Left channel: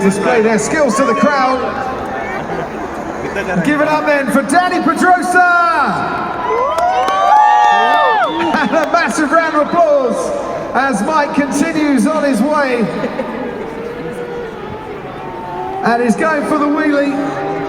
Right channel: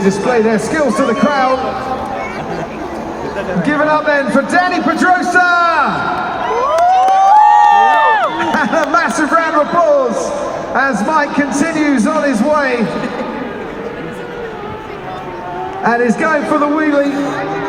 display their skills to the crowd. Give it up then for Danny Pedrosa! And a massive round of applause as Mike continues on his way. And he's going for the wheelie.